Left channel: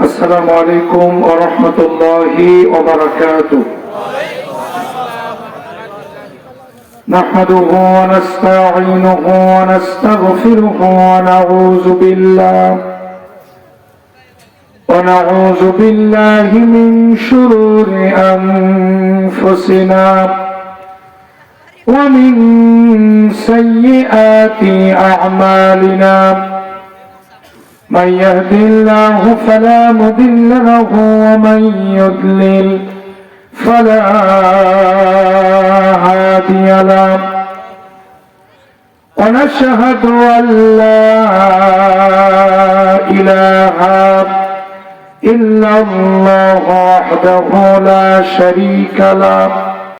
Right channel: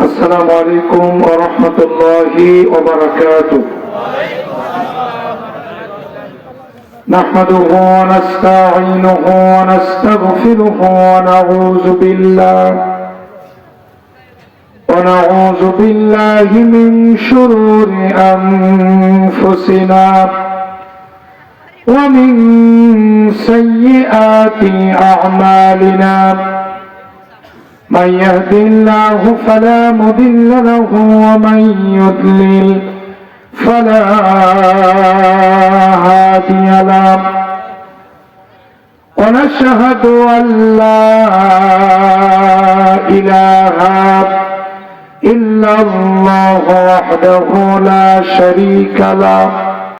السلام عليكم ورحمة الله وبركاته. نحمده ونستعينه ونستغفره ونعوذ بالله من شرور أنفسنا ومن سيئات أعمالنا. من يهد الله فلا مضل له ومن يضلل فلا هادي له. ونشهد أن لا إله إلا الله وحده لا شريك له